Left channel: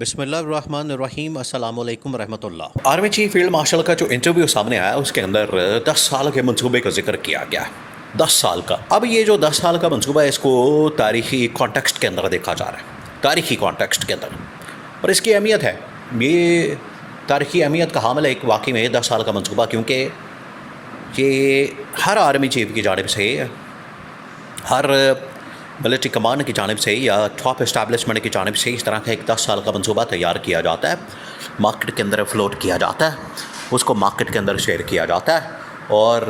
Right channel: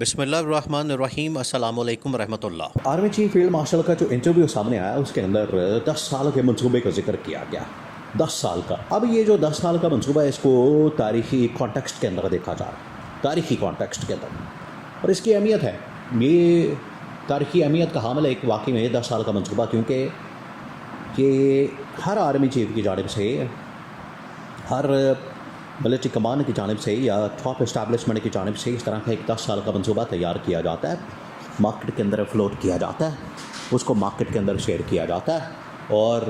بسم اللہ الرحمن الرحیم، السلام علیکم ورحمۃ اللہ۔ آرمی چیف فیلڈ مارشل کا جو انٹرویو سامنے آیا اس کے اندر 10 سال کے منصوبے کا ذکر کیا گیا ہے، 10 سال کا۔ اب یہ جو 10 سال کا منصوبہ ہے اس کو تاریخی کانٹیکسٹ کے اندر دیکھا جا رہا ہے، تاریخی کانٹیکسٹ کے اندر، اور اس کی اہمیت ہے، یہ تاریخی اہمیت کا حامل ہے ایک واقعی میں 10 سال کا منصوبہ، کیونکہ یہ ہر آرمی چیف کی جانب سے، ہر ملٹری کمانڈ کی جانب سے یا ٹاپ اسٹیبلشمنٹ کی جانب سے اس طرح کا ایک 10 سال کا منصوبہ تیار کیا جاتا ہے، مارکیٹ کے اندر فلوٹ کیا جاتا ہے، اس کو مارکیٹ کے اندر شیئر کیا جاتا ہے، اور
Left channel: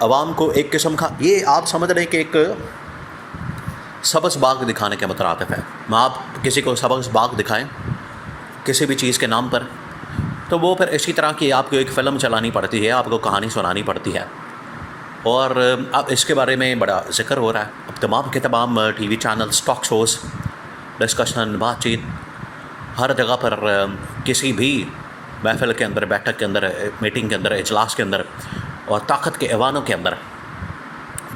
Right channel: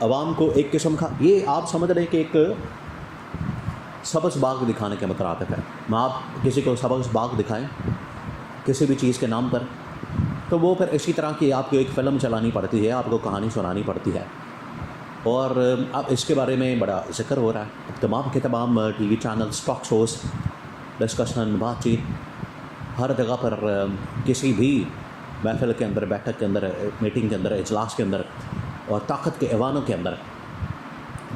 عوام کو ایک قسم کا، یہ آپ سمجھ رہے کہ ایک سبز باغ دکھانے کے مترادف ہے۔ آپ کسی کو سبز باغ دکھائیں کسی بھی چیز کے نام پر، تو وہ پھر اسی طرح کی آپ کو ایک فلم چلانی پڑتی ہے، آپ کو کہانی سنانی پڑتی ہے، اور اب اس کے بارے میں بڑا ذکر ہو رہا ہے۔ اب تمام کے تمام TV channels, talk shows, discussion, بات چیت، ہر جگہ پر کسی بھی محفل کے اندر، بیٹھک کے اندر، میٹنگ کے اندر، اجلاس کے اندر اور طاقت کے ایوانوں کے اندر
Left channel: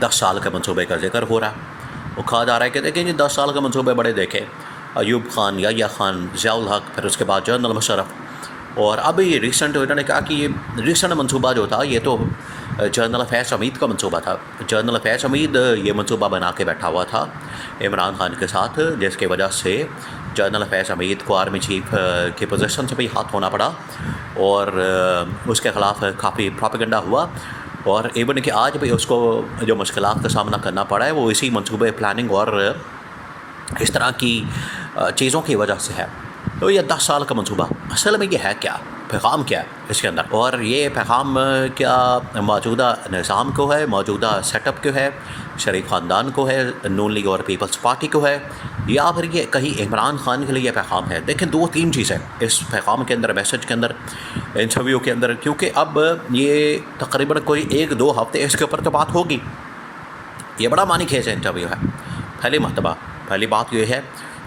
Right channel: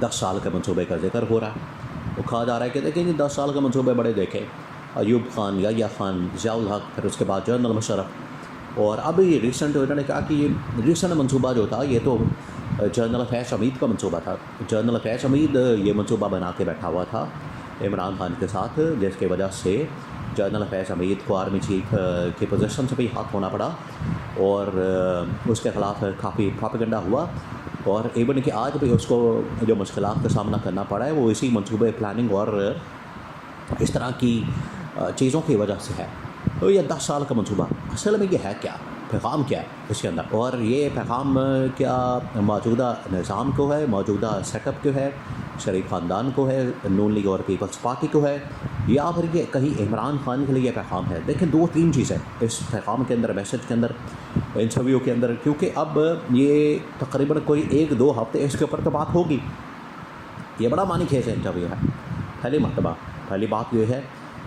10 سال کے منصوبے کا ذکر ہو رہا ہے۔ وہ کہا جا رہا ہے کہ دیکھیں جی 10 سال کے منصوبے بڑے دیکھے، ایوب خان، یحییٰ خان، ضیاء الحق، پھر اس کے بعد جنرل مشرف، اور اب یہ ریسنٹ انہوں نے کہا کہ یہ ریسنٹ منصوبہ جو تھا یہ تو جنرل فیض حمید کا منصوبہ تھا۔ جنرل فیض حمید یہ منصوبہ بنا کے بیٹھا ہوا تھا عمران خان کے ساتھ، جس کی وجہ سے جنرل فیض حمید کو آرمی چیف کی پوزیشن سے بھی ہاتھ دھونا پڑا، اور اس کے خلاف کافی پروپیگنڈا ہوا، اور ایون کہ آج بھی اس کو جو مشکلات کا سامنا کرنا پڑا ہے وہ اسی منصوبے پلاننگ اور اس طرح کی چیزوں کی وجہ سے ہے۔ تو یہ 10 سال کا منصوبہ اصل میں یہ ہے کیا، پیغام کیا ہے اس کے اندر، اور یہ پیغام کیا موجودہ نظام کو ہے، موجودہ سیٹ اپ کو ہے، شریف خاندان کو ہے، نون لیگ اور پیپلز پارٹی کو ہے، یا پھر یہ کہیں عمران خان کے لیے یہ پیغام ہے؟ دیکھیں 2-3 چیزیں اس پیغام کے اندر، میسج کے اندر، انٹرویو کے اندر، کیونکہ اب یہ تقریباً کوئی 1-2 ہفتے اس کے اوپر تو بات ہوگی۔ یہ بڑا معنی خیز انٹرویو ہے، پہلی بات یہ ہے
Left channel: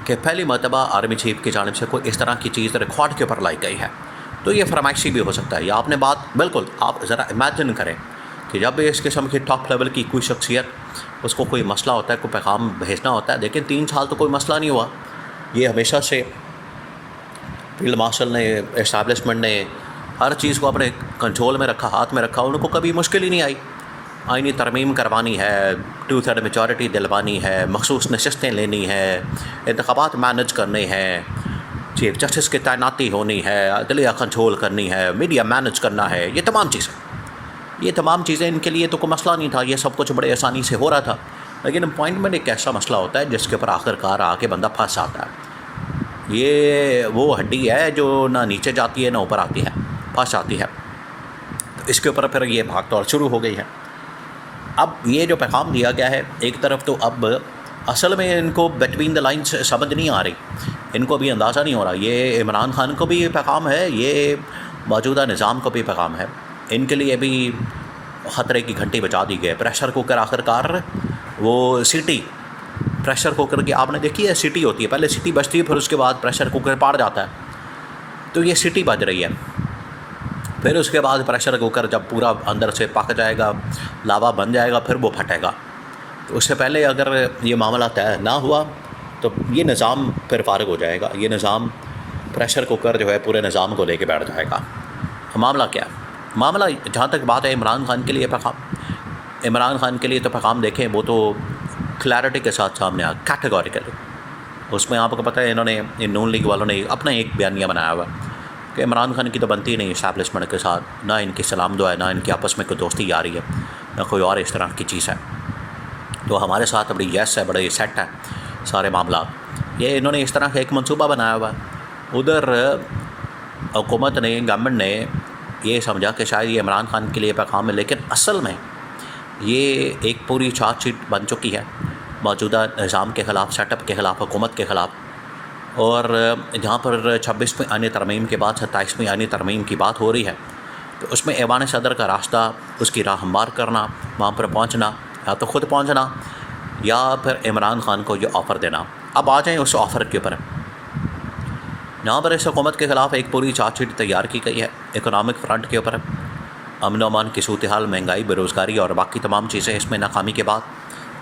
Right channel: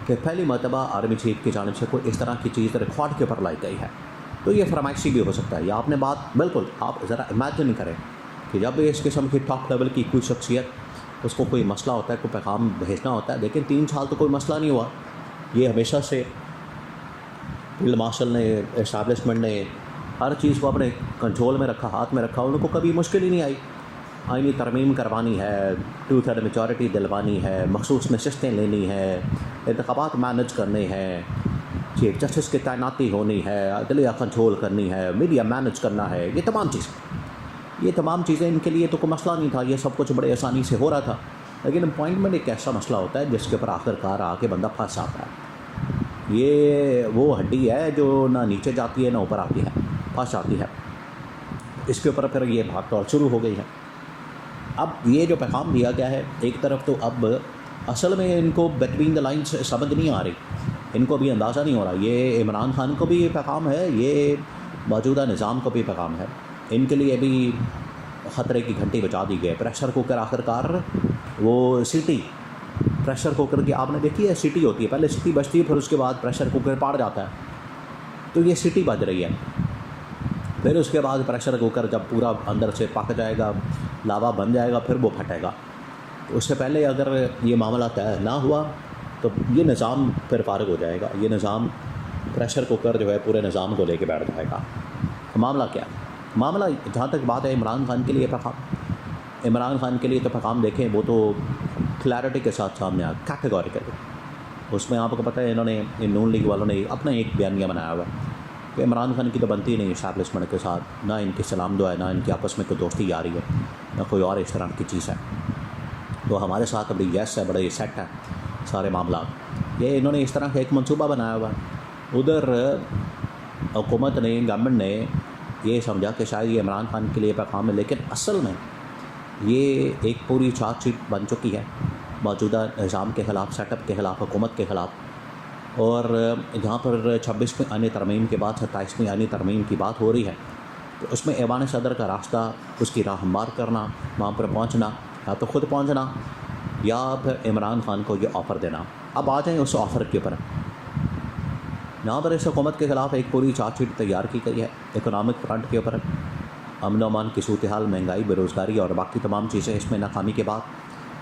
کہ پہلی مرتبہ آرمی چیف کی جانب سے کوئی اس طرح کی چیز ریکارڈ کے اوپر لائی گئی ہے، تو یہ فرمائشی بھی ہو سکتا ہے، یا آپ نے بات بالکل، آپ ذرا امیجن کریں کہ جب اس قسم کی ٹاپ لیول کی کوئی شخصیت، اس کو کوئی مسئلہ ہوتا ہے، کوئی پیغام بھیجنا ہوتا ہے، لیکن 3 سال تو کوئی مسئلہ نہیں ہوا۔ یہ ہمیشہ سے فیلڈ مارشل نے، اسٹیبلشمنٹ نے ہر چیز کو اپنے کنٹرول میں رکھا، ہاتھ میں رکھا، ان کو کبھی مشکل ہی نہیں آئی۔ آئینی ترمیم کروانی ہے، 2/3 میجورٹی دلوانی ہے، مخصوص نشستیں لینی ہے، انتخابات مینج کرنے ہیں، چیف جسٹس کی تعیناتی ہونی ہے، عدلیہ کنٹرول کرنی ہے، میڈیا مینج کرنا ہے، یہ تمام چیزیں ان کے لیے تو کوئی مسئلہ نہیں تھا، یہ سب کچھ بڑے آسانی سے ہو رہا تھا۔ لیکن اپوائنٹمنٹ ایک ایسا مسئلہ ہوتا ہے جس کے اوپر آخر کار آ کے بندہ پھنس آتا ہے۔ یہ وہ ہڈی ہے جو نہ نیچے جاتی ہے نہ اوپر آتی ہے، پھنس آتی ہے۔ اس کے اوپر پھر یہ بھاگ دوڑ شروع ہو گئی ہے۔ اب یہ جو پیغام دیا گیا ہے، ایک طرف تو اب اصل میں ان کو بٹوین دا لائنس سمجھ نہیں آ رہی، ان کو بھی اندازہ نہیں ہو رہا، یہ عمران خان کو بھی یہ پیغام ہے، یہ موجودہ نظام کو بھی پیغام ہے، ان کے لیے بھی خطرے کی گھنٹی بجا دی گئی۔ پریشر کوکر آخر کار، وہ سیٹی پریشر کوکر کی آپ نے دیکھی ہے، سیٹی ہوتی ہے، پہلے سیٹی بجتی ہے، پھر اس کے بعد پریشر کوکر پاڑ جاتا ہے، تو یہ سیٹی بج رہی ہے۔ پھر اس کے بعد پریشر کوکر جب پورا اندر سے پک جائے گا، لاوا بن جائے گا، پھر وہ پھٹے گا۔ تو اس سے پہلے اگر یہ معاملہ طے نہ ہوا تو یہ نظام پھر فارغ ہو جائے گا، یہ نظام پریشر کوکر جو ہے پورے نظام کو لے کے بیٹھ جائے گا۔ معاملہ کیا ہے؟ معاملہ جہاں تک بات ہے عمران خان کے لیے پیغام، عمران خان کے لیے تو پیغام دیکھیں وہ تو کلیئرٹی کے ساتھ سامنے آ، کیٹیگوریکلی۔ اس میں آپ کو پتہ ہے انہوں نے، نون لیگ والوں نے اپنا ایک بیانیہ بنایا ہوا کہ عمران خان کی تو بنتی نہیں اسٹیبلشمنٹ کے ساتھ، نہ ان کی سلام دعا ہے، نہ ان کی آپس میں کوئی دوستی آ رہی ہے، نہ کوئی اور اس طرح کی چیز ہے، تو ہمارے ساتھ بڑی یس ہے، بڑے سیٹ ہے سارے معاملات۔ یہ انہوں نے اس طرح کا ایک منصوبہ بنایا ہوا ہے۔ ادھر حکومت نے، گورنمنٹ نے یہ سمجھا کہ شاید یہ عمران خان کے لیے پیغام ہے، لیکن اصل میں یہ ایک پوری چارج شیٹ بن چکی ہے موجودہ نظام کے خلاف، سیٹ اپ کے خلاف، حکومت کے خلاف، اور جہاں پر 26ویں آئینی ترمیم کے بعد 27ویں آئینی ترمیم کی بات ہو رہی ہے، تو اس میں ایوان صدر کا راستہ، اس کی راہ ہموار کرنا، وہاں پر پہنچنا، یا تو خود پہنچنا یا پھر عمران خان کو یہ آفر دینا۔ اب آ جائیں اس آفر کے اوپر، یہاں پر اس حکومت کے خلاف ایک پوری چارج شیٹ تیار کی گئی ہے اکنامک فرنٹ کے اوپر، امن و امان کی صورتحال، مہنگائی، بے روزگاری اور باقی تمام چیزیں۔ اس میں ناکامی کے بعد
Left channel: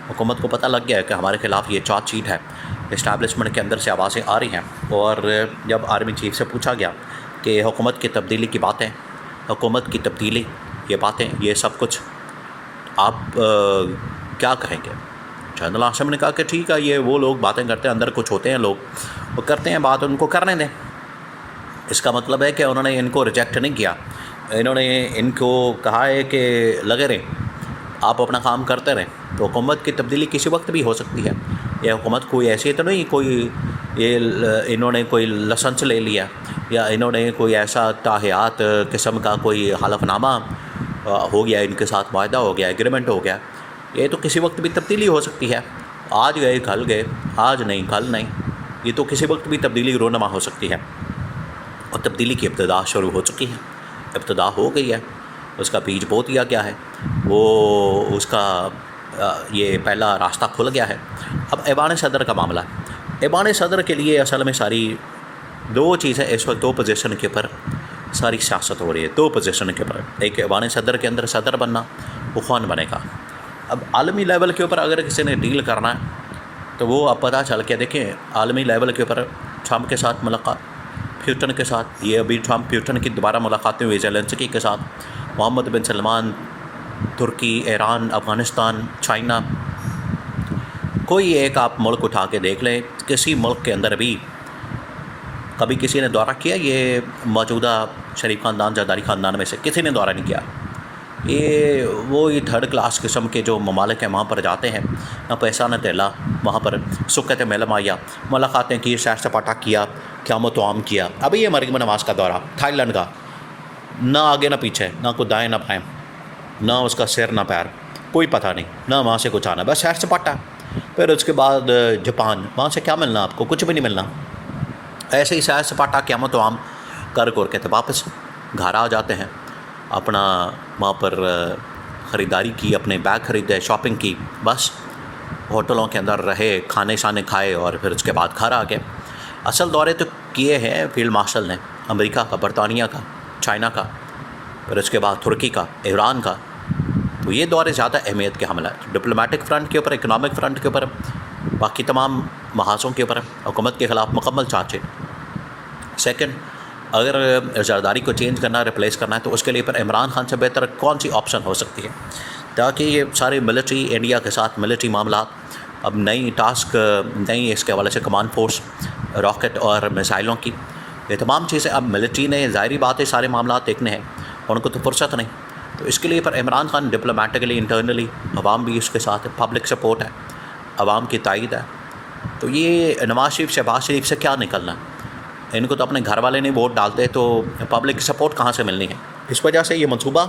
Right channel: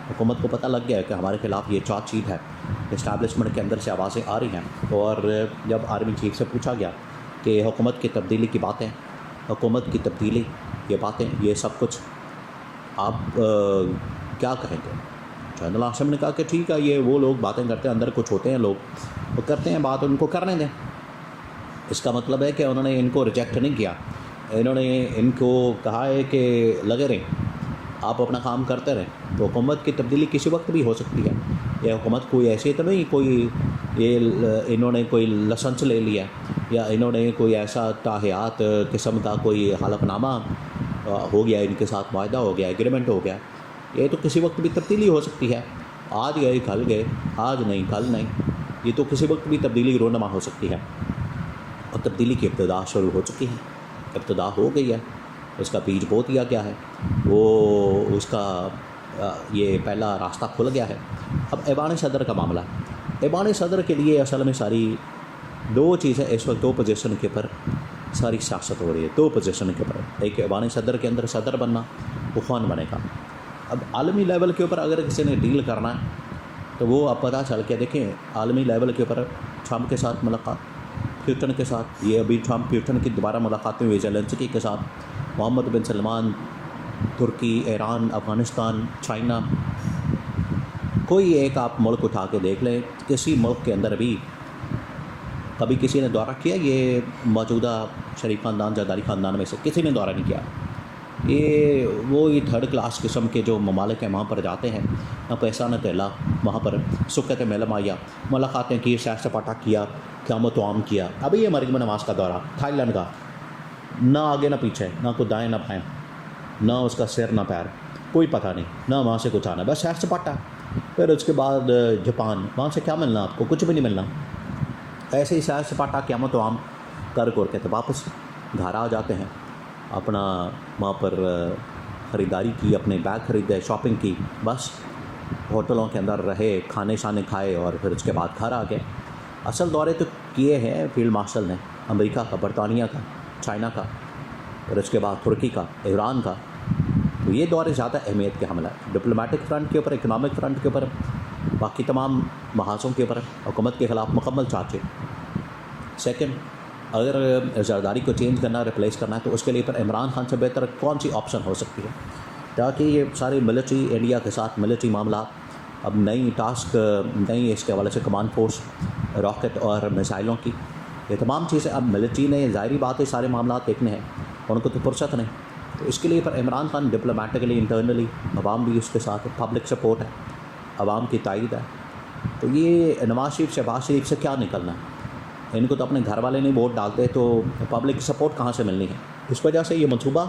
حکومت کو پتہ لگ گیا ہے کہ ہمارے خلاف یہ چارج شیٹ ہے، اسٹیبلشمنٹ کے اندر سے آوازیں آ رہی ہیں. اور جب آرمی چیف سے پوچھا گیا کہ حکومت کی تبدیلی کی باتیں، حکومت کی تبدیلی، یہ باتیں، یہ سب کچھ آپ کیا کہیں گے؟ جنرل عاصم نے کہا کہ ٹھیک ہے، یہ وہ لوگ باتیں کرتے ہیں، اندر کچھ ہوتے ہیں لوگ، وہ کرتے ہیں بات، ان کو کرنے دیں. اس کا مطلب ہے کہ انہوں نے ان کو ریجیکٹ نہیں کیا، انہوں نے ان کو کہا ہے کہ لگے رہیں، آپ اپنا کام کرتے رہیں. تو حکومت کی تبدیلی کسی وقت بھی ہو سکتی ہے. یہ حکومت کوئی ایسی تو نہیں کوئی یہ انہوں نے کوئی لائسنس لے لیا یا انہوں نے کوئی ایسا تاحیات قسم کا کوئی حلف نامہ ہو گیا، ان کے ساتھ معاہدہ ہو گیا، ایگریمنٹ ہو گیا. یہ تو کسی وقت بھی تبدیلی ہو سکتی ہے. آج گئے کل گئے، آج نہیں کل نہیں، یہ تو کسی وقت بھی تبدیلی رونما ہو سکتی ہے. اور تبدیلی کی ابتدا شروع ہو چکی ہے، ابتدا ہو گئی ہے. اس کا بیج بو دیا گیا ہے، وہ اس کا یہ پہلا راستہ کھل گیا ہے. اب ایوان صدر کا معاملہ ہے. ایوان صدر کے لیے اصل میں ساری دو چیزیں اس وقت، دو پوزیشن کے اوپر ساری سیاست ہو رہی ہے. دو پوزیشن کے اوپر، ایک ایوان صدر کے اندر صدر بننا، وہ کون بنے گا. اب عالمی لیول کے اوپر اگر کسی نے ڈیل کرنا ہے تو وہ اب پتہ چل کے دیکھیں، عالمی لیول کے اوپر ٹرمپ کے ساتھ ملاقات، پیوٹن کے ساتھ، یہ ابھی ٹرمپ پیوٹن کی دوبارہ ملاقاتیں ہوئی زیلنسکی کے ساتھ، محمد بن سلمان، ترکی، ایران، افغانستان، چائنا. کوئی ایک آپ ملک اٹھا کے دیکھ لیں، کسی ملک کے اندر بھی کبھی کسی نے دورہ کیا؟ یہ موجودہ شریف خاندان، زرداری خاندان میں سے کسی نے دورہ نہیں کیا. یہ تھرڈ کلاس قسم کے جو ممالک ہیں وہاں پر جاتے ہیں، نہ پیسہ نہ تیلا، وہاں پر سکت میلم آیا، ملاقاتیں کی، سیر سپاٹا کیا، قیام و توام کیا. ابھی یہ مریم نواز کا دورہ تھائی لینڈ کا، نہ آگے نہ پیچھے، نہ کوئی دائیں نہ بائیں، نہ اس کا سر نہ پیر، کوئی پتہ نہیں، نہ وہاں سے کچھ آنا، بس سیر سپاٹا. پھر اس کے بعد جاپان، وہاں سے کیا ملنا آپ کو؟ کچھ بھی نہیں ملنا. ایسے ہی سیر سپاٹا قیام و توام کر کے تو واپس گھر آ جاتے ہیں. اپنا وہاں پر خریداری کی، اپنے بیگ خریدے، شاپنگ کی، بس ہوٹلوں کے اندر رہے، کھانے شانے کھائے اور پھر اس کے بعد گھر آ گئے. اصل دورے تو کیے ہیں فیلڈ مارشل نے، امریکہ کا، برطانیہ کا، چائنا کا، پھر اس کے بعد ترکی کا، ایران کا. تو یہ دورے زیادہ اہمیت کے حامل ہے، ڈپلومیٹک فرنٹ کے اوپر، اکنامک فرنٹ کے اوپر، باقی تمام محاذوں کے اوپر حکومت کے خلاف مکمل چارج ہے. سیکنڈ، اگر زرداری کو چینج کرنا، ریپلیس کرنا ہے تو اس کے لیے پر عمران خان سے بہتر کون سی آپشن ہو سکتی ہے؟ تاکہ یہ سارے ملٹری، انڈیا کے ساتھ ملٹری معاملات، اب نئی ٹاسک، نئی اس کے حوالے سے کمانڈ فورس، راکٹ اور میزائلوں کی، یہ تمام چیزیں اب ملٹری نے، ظاہری بات ہے سارے معاملات دیکھنے ہیں، ان کو تو فرصت نہیں. تو اس کے لیے پر عمران خان ڈپلومیٹکلی، انٹرنلی، عوام بھی اس کے ساتھ ہے، پبلک سپورٹ ہے، عوام کی تائید ہے. تو یہ نواز شریف، شہباز شریف سے کیا نکلنا ہے؟ ان کو تو اپنے گھر والے نہیں ووٹ ڈالتے، تو پبلک سپورٹ کہاں سے ملنی ہے؟ اس وجہ سے یہ منصوبہ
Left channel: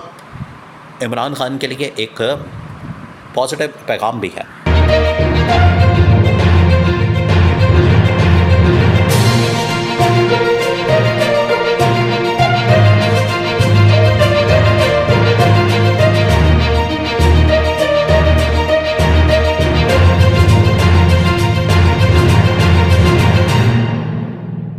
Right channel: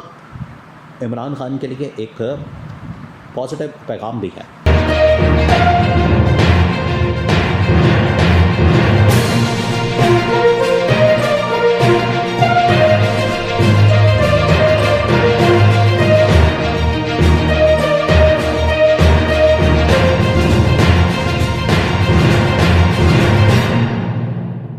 عمران خان کے لیے ایک پازیٹیو پیغام بھی ہے.